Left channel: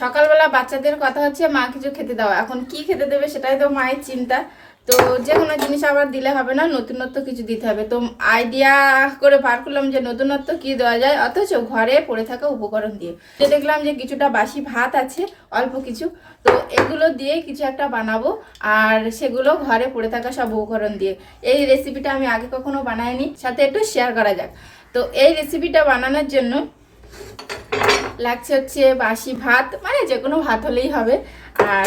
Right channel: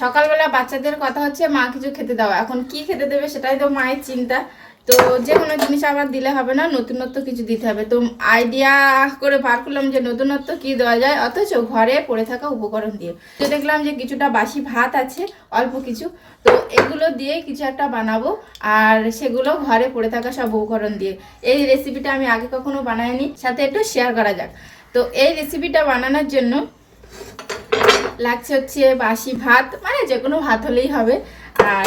সকালবেলা বাচ্চাদের কথা হচ্ছে মা কিছু খেতে দাও, এখন কি খেতে দেবে সেটাই তো মায়ের চিন্তা। তো যে কোনো জিনিস আবার দিলে হবে না, নতুনত্ব কিছু দিতে হবে। তো আইডিয়া করে বার করলাম যে নতুনত্ব কি দেওয়া যায় অথচ ঘরে পড়ে থাকা উপকরণ দিয়ে। তো দেখলাম যে কিছুটা বাসি ভাত আছে অল্প কিছু, তো এগুলো দিয়ে কিছু একটা বানাবো, আর সেগুলো ঘরে পড়ে থাকা সব উপকরণ দিয়ে। এই রেসিপিটা আমি আগে কখনো বানাইনি, সাথে একটু শেয়ার করা যাক। তো এই রেসিপিটা বানানোর জন্য লাগছে হচ্ছে বাসি ভাত, মানে যে কোনো ভাত হলেই হবে। আর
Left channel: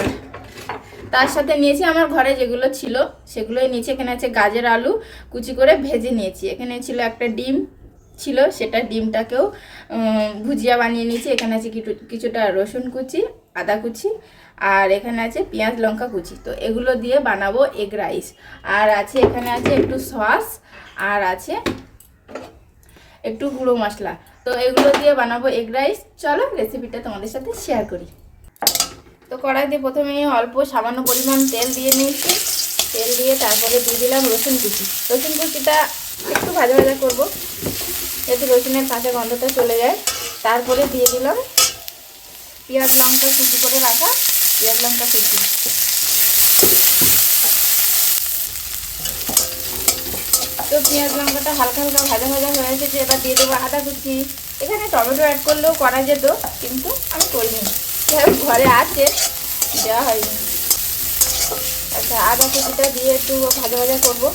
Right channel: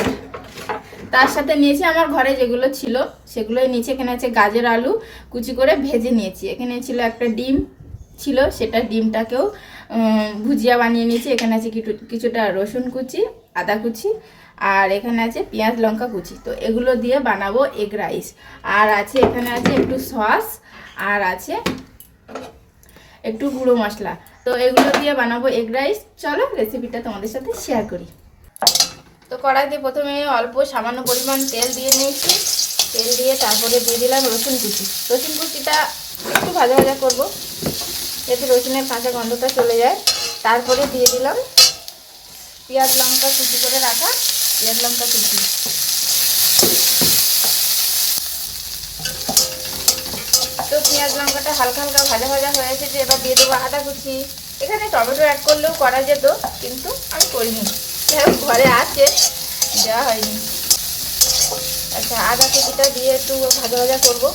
তার সাথে নিয়েছি আমার ঘরে যেগুলো ছিল সেগুলোই নিচে। এখানে আছে গাজর আলু কুচি করে ভেজে নিয়েছি। এখানে ছিল একটা ডিম ছিল, সেটা ডিমটাকেও ভুজিয়া বানিয়ে নিয়েছি। এখানে আছে কিছুটা রসুন কুচি, আদা কুচি, আর এখানে আছে পেঁয়াজ লঙ্কা কুচি। তো এগুলো দিয়ে বানাবো এগ রাইস। আর আছে এখানে আছে একটু সস, আর আছে একটু গুঁড়ো মশলা। তো এগুলো দিয়ে বানাবো এগ রাইস। চলো রেসিপিটা তোমাদের সাথে শেয়ার করি। তো কড়াইতে প্রথমে অল্প সামান্য পরিমাণ তেল দিয়ে নিয়েছি। তেল দিয়ে তারপরে দিয়ে দিলাম রসুন কুচি। রসুন কুচিটা একটু ভাজা ভাজা করবো যাতে রসুনের কাঁচা গন্ধটা চলে যায়। তারপরে দিয়ে দিলাম পেঁয়াজ লঙ্কা কুচি করে রাখা পেঁয়াজ লঙ্কা কুচি। তো পেঁয়াজ লঙ্কাটা হালকা হালকা ভাজা ভাজা হয়ে এসেছে, এবার দিয়ে দেবো আদা কুচি। এখানে টমেটো অ্যাড করলেও করা যেত, কিন্তু আমি করিনি, ঘরে আছে, দেওয়া হয়নি। আচ্ছা, আদা কুচিটা দিয়ে একটু ভাজা ভাজা করবো।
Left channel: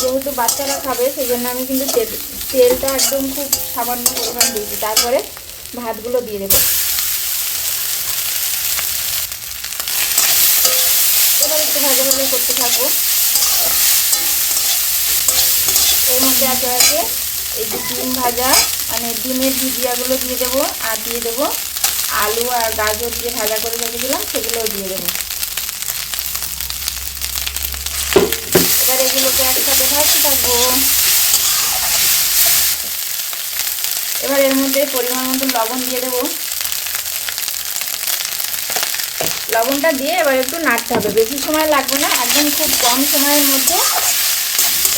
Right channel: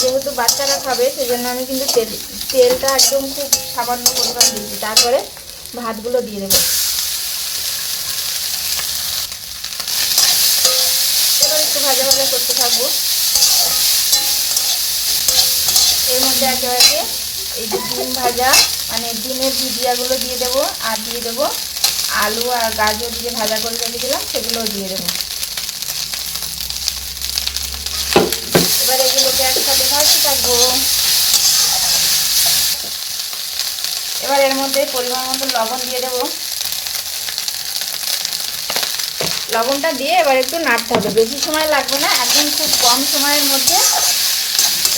যেহেতু বাচ্চারা খাবে সেই জন্য আমি কিন্তু তেলটা একদম খুব সামান্য পরিমাণ দিয়েছি। তারপরে ভাতগুলো দিয়ে দেবো। এবার একটু ভাজা ভাজা করতে থাকবো। এর মধ্যে একে একে এই যে ডিম ভাজা, মানে ডিমের ভুজিয়াগুলো দিয়ে দেবো, আর দিয়ে দেবো আলু আর গাজর দিয়ে ভাজা করে রেখেছিলাম, সেগুলোও দিয়ে দেবো। এবার এগুলোকে একসাথে ভাজতে থাকবো। এবার এর মধ্যে পরিমাণ মতো লবণ দিয়ে দেবো। লবণটা দিয়ে এবার একটু নাড়তে হবে, বেশি সময় লাগবে না, একদম খুব কম সময়ের মধ্যে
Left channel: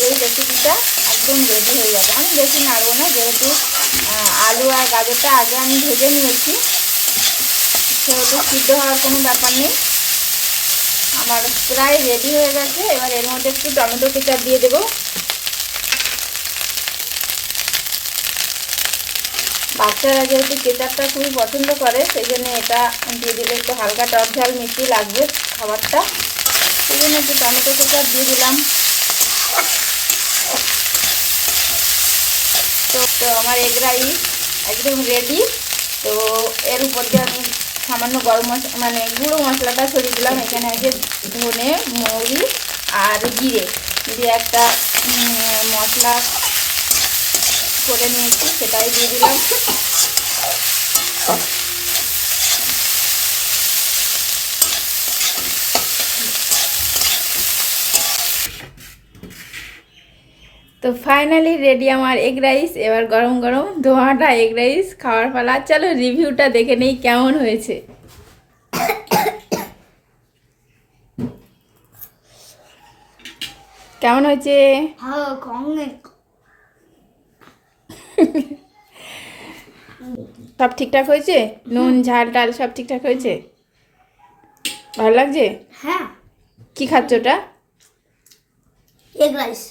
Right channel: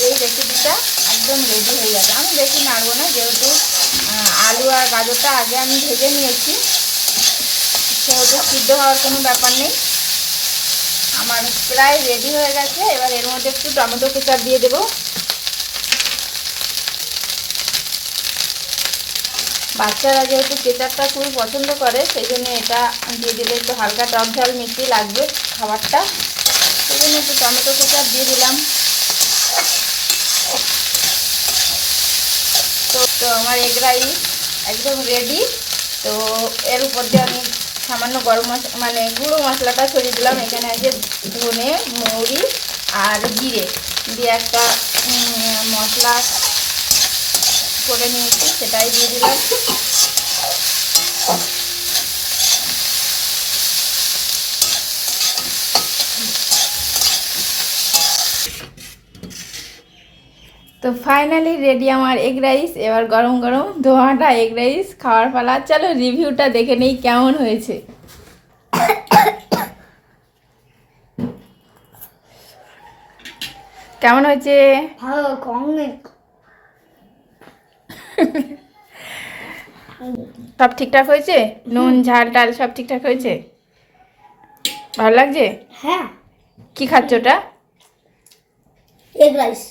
এই রেসিপিটা একদম রেডি হয়ে যাবে। আমি বেশি নাড়বো না, যেহেতু আলু আর গাজরটা আগে আমি ভেজে নিয়েছি, সেহেতু সিদ্ধ হওয়ার কোনো ব্যাপার নেই। আমার প্রায় রেডি হয়ে গেছে। এবার এর মধ্যে একটু টমেটো কেচাপ দিয়ে দেবো। বাচ্চারা যেহেতু কেচাপটা খুবই পছন্দ করে, সেই জন্য এটা দিয়ে দিলে একটু হালকা টক ঝাল মিষ্টি লাগবে খাবারটা, সেই জন্য একটু টমেটো কেচাপ দিয়ে দিলাম। তো আমার এগ রাইস একদম রেডি। তো এর উপর দিয়ে আমি সামান্য গরম মশলা, মানে গুঁড়ো মশলাটা ছড়িয়ে দিলাম। এখানে আছে ধনে, মৌরি আর জিরে দিয়ে একটা মশলা করে নিয়েছি, সেটাই দিয়ে দিলাম। তো ফাইনালি রেডি আমার এগ রাইস। এবার গরম গরম ধোঁয়াটা এগ রাইস খাওয়ার পালা। চলো রিভিউটা দেখে নেই কেমন হয়েছে। কেমন হয়েছে? সব ঠিকঠাক হয়েছে? নুন ঝাল টাল সব ঠিকঠাক হয়েছে? ভালো লাগছে? হ্যাঁ। কি খাচ্ছ ওটা? Egg rice.